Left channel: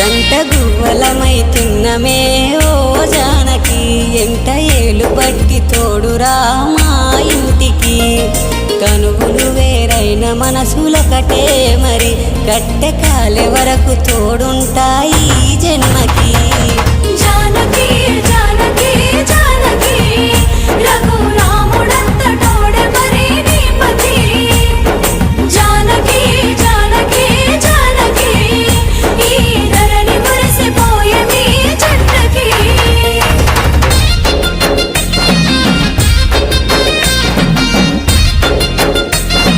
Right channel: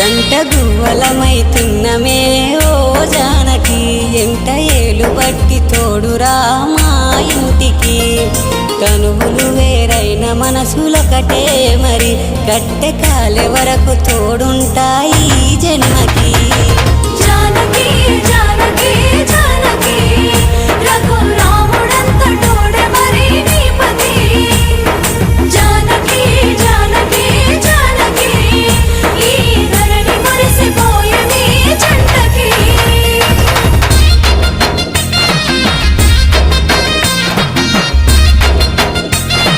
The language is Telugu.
జంట గువ్వలమైతున్నమే ఓ జానకి ఎంట ఏలు బట్టి తోడురా మా ఇంటికి తనువులు వేరైన మనసులొకటే మరి కట్టె కాలే వరకు తోడుంటాయి జన్మకి